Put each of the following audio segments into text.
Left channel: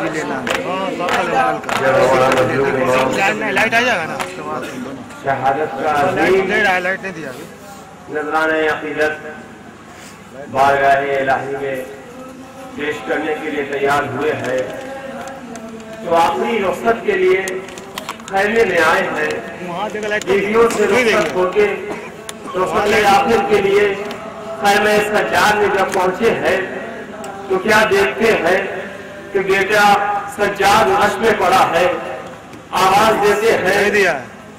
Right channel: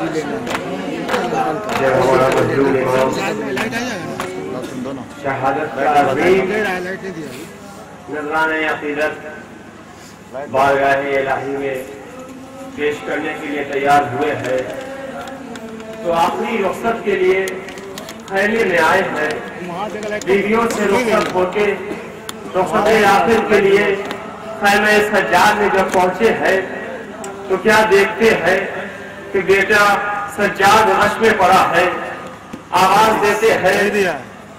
بھی لینا ہے شہادت کا عظیم نذرانہ عقیدت بارگاہ الہی میں پیش کرنے کے لیے تیار ہوئے ہیں، تو آخری رخصت کے لیے خیمے میں آئے ہیں، بیویوں سے رخصت ہو کے رخصت آخر کے لیے خیمہ سجاد میں جب پہنچے ہیں تو کیا دیکھتے ہیں کہ بیٹا سجاد عرش میں پڑا ہے، آواز دیتے ہیں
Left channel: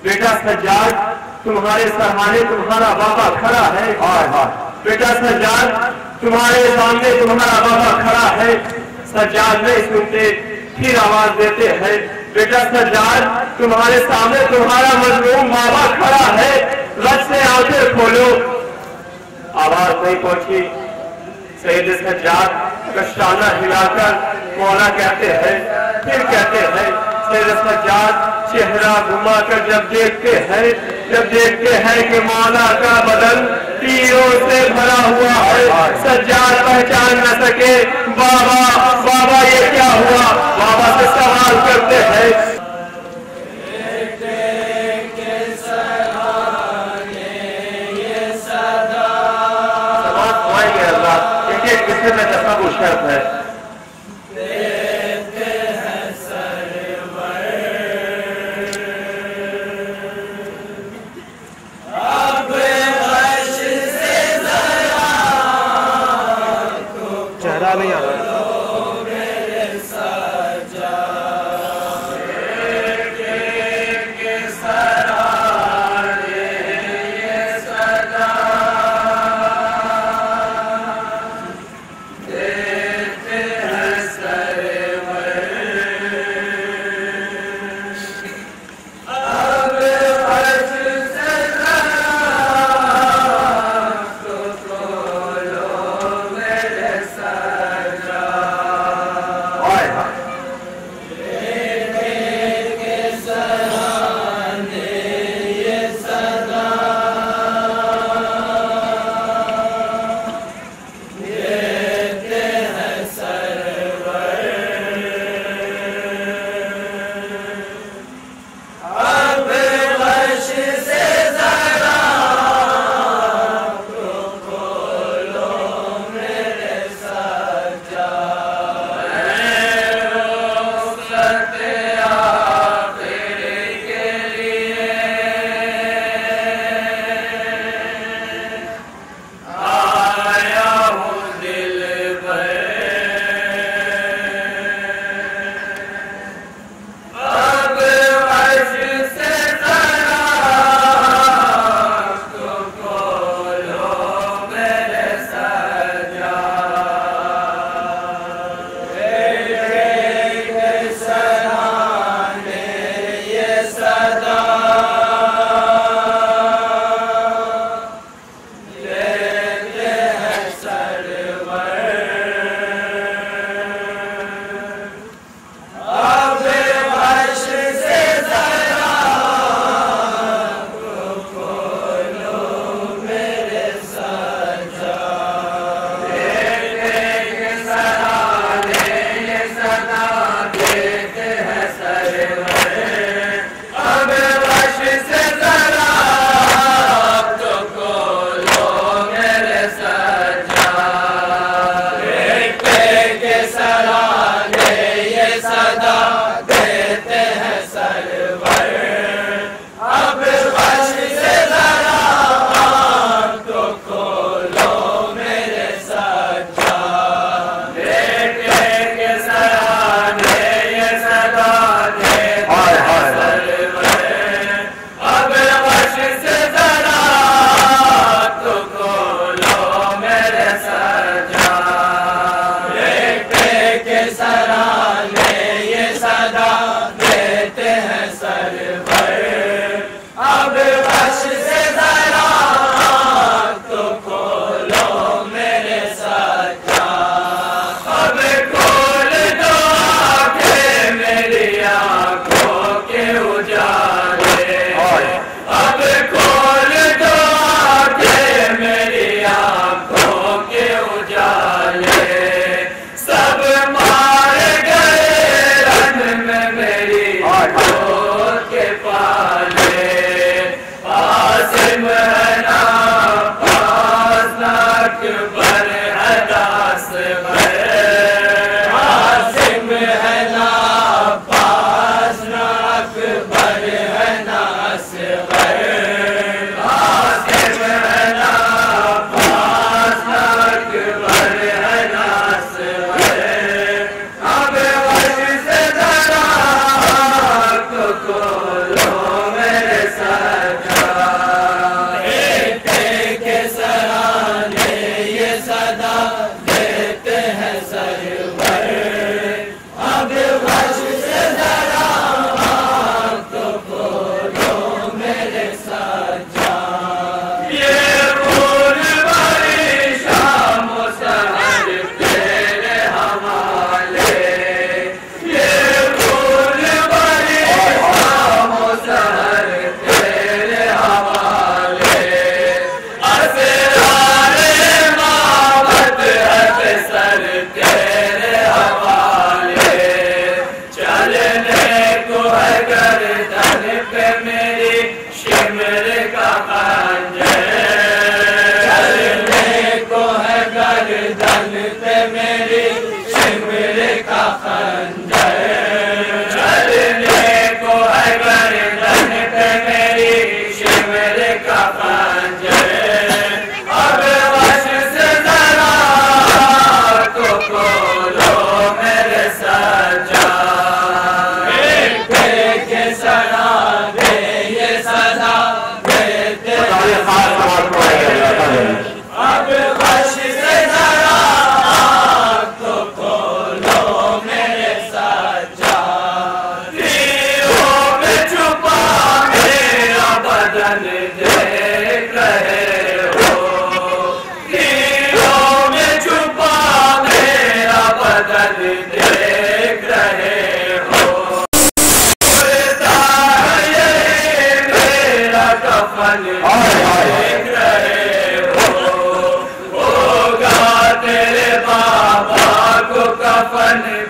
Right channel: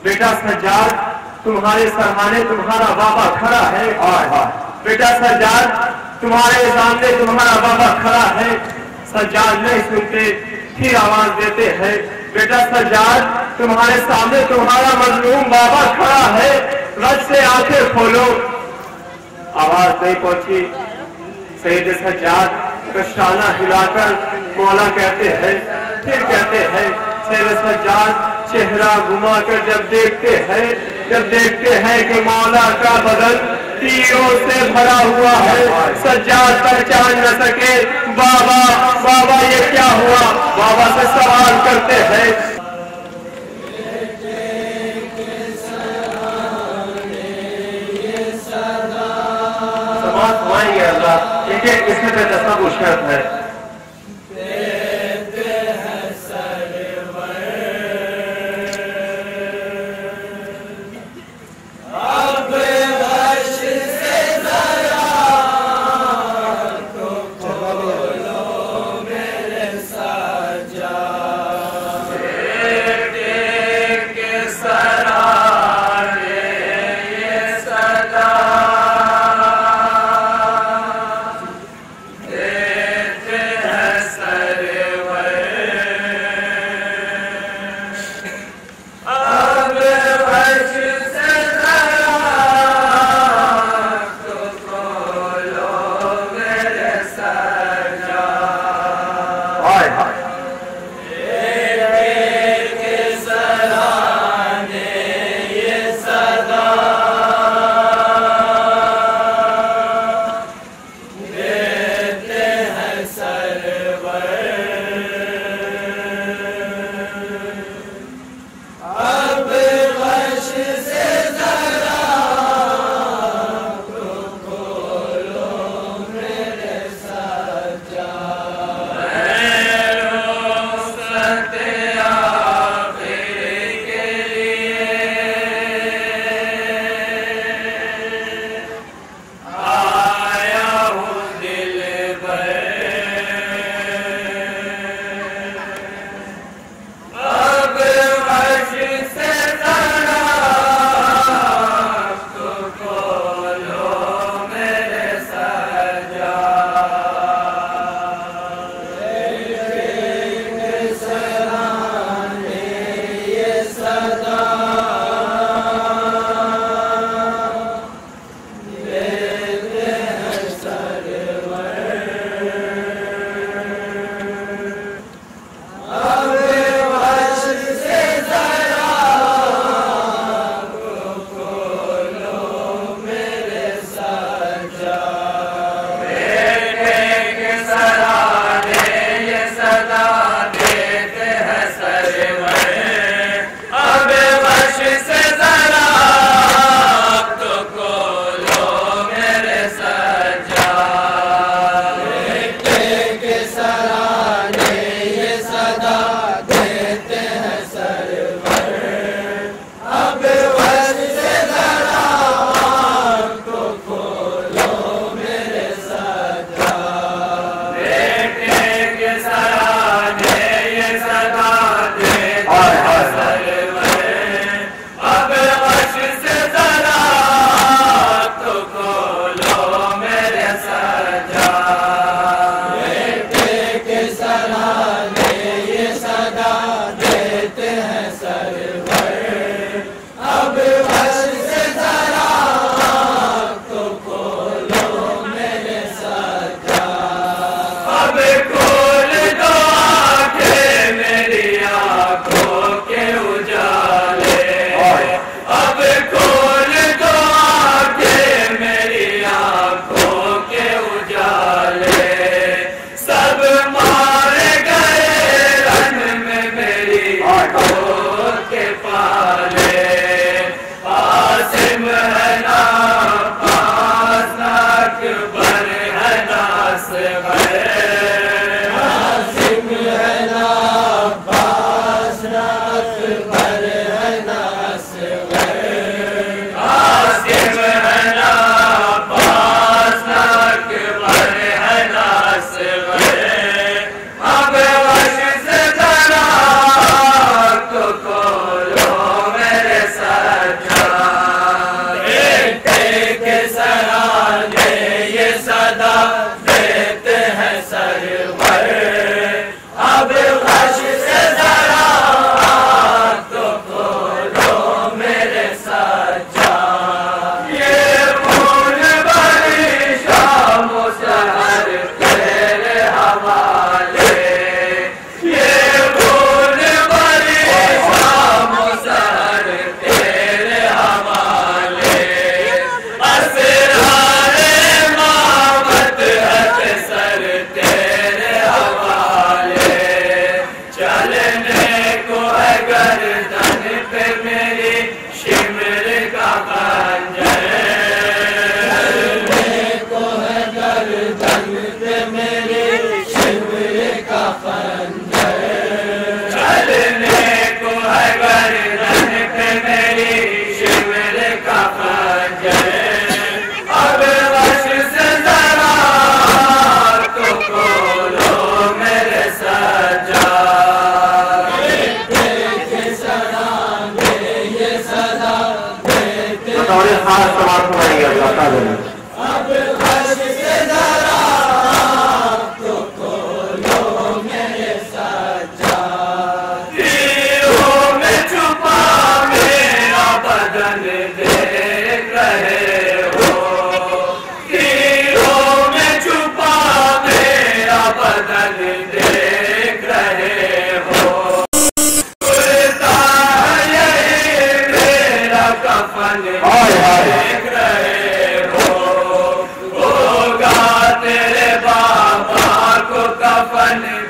بیٹا سجاد تمہارے سرحانے تمہارا بابا کھڑا ہے، بیٹا سجاد تمہارے سامنے تمہارا بابا کھڑا ہے۔ سجاد نہیں سنتے، پھر آواز دیتے ہیں بیٹا سجاد تمہارے سامنے تمہارا مظلوم بابا کھڑا ہے، رج سے آنکھیں کھولو۔ آواز نہیں پہنچی، سید سجاد کشانہ ہلا کر مولا کہتے ہیں، پھر کہتے ہیں سید سجاد چہرہ گھما کر جب دیکھتے ہیں کہ مولا کا بدن تیروں سے بھرا ہوا ہے، سجاد پہچان نہ سکے بابا یہ کیا ہوا، بابا سے سوال کرتے ہیں۔ سماعت مائیں گے اللہ ایک قصے میں تصور شرط ہے۔ Yeah.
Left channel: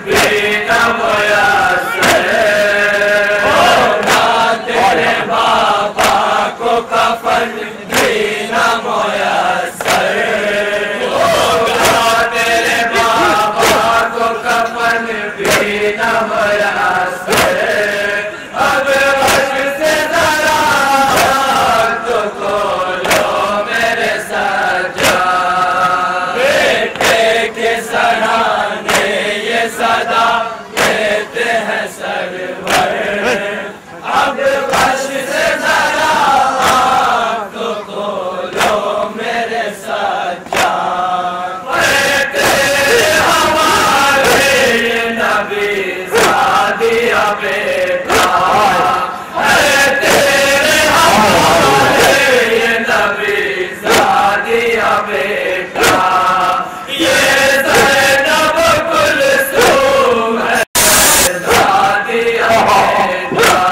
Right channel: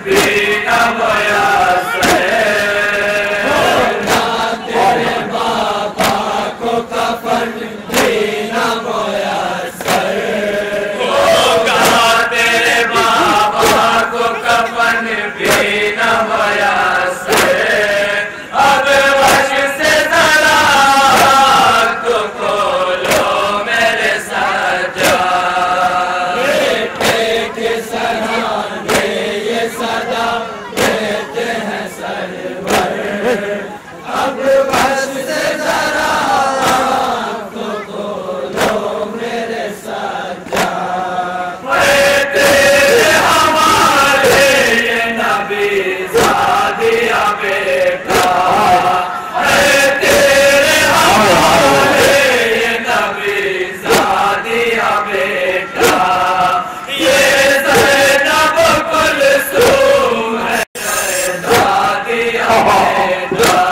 بھی نہ میسر ہوگا تیرے بابا کو کفن بھی نہ میسر ہوگا تیرے بابا کو کفن بھی نہ میسر اب وش سے ذرا تو کھولو میرے سجاد بیٹے کے سرانے یہ صدا دیتے ہیں سرور اب وش سے ذرا تو کھولو میرے سجاد بیٹے ہمارے یہ نبی زادیا بیٹا ہے تیرے ہمارے یہ نبی زادیا بیٹا یہ زینب کلثوم ہے زادیا بیٹا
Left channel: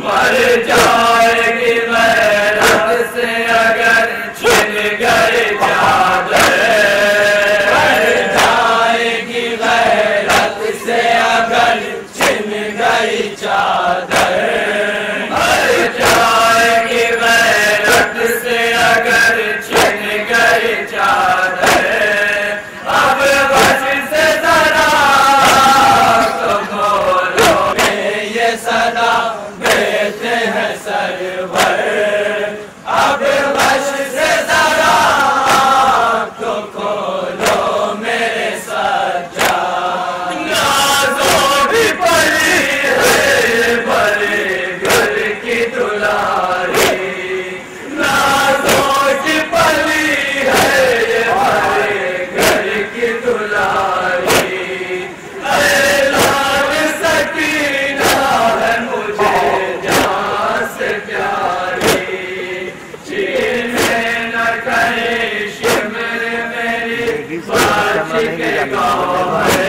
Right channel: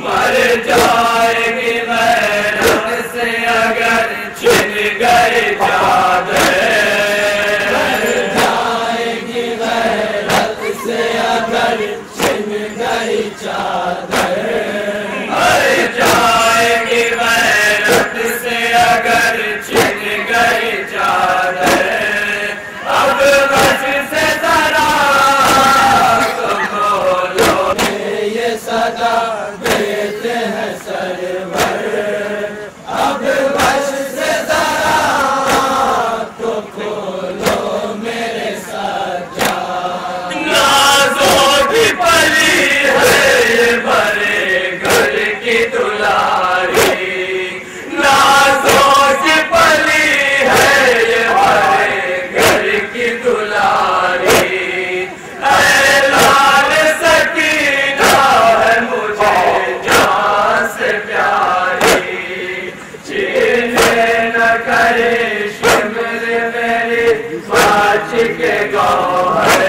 مر جائے گی غیرت سے اگر چھن گئی چادر مر جائے گی غیرت سے اگر چھن گئی چادر مر جائے گی غیرت سے اگر چھن گئی چادر اب بس سے ذرا تو بولو یہ صدا دیتے ہیں سرور اب بس سے ذرا تو کھولو میرے سجاد نازوں کی پلی ہے یہ بڑے گھر کی دلاری نازوں کی پلی ہے یہ بڑے گھر کی دلاری اے لال سکینہ ہے مجھے جان سے پیاری چینے نہ کرے شمر میری باچ کے گوہر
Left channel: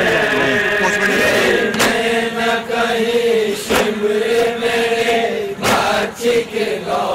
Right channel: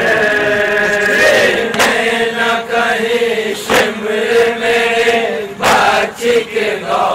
چینے نہ کرے شمر میرے باچ کے گوہر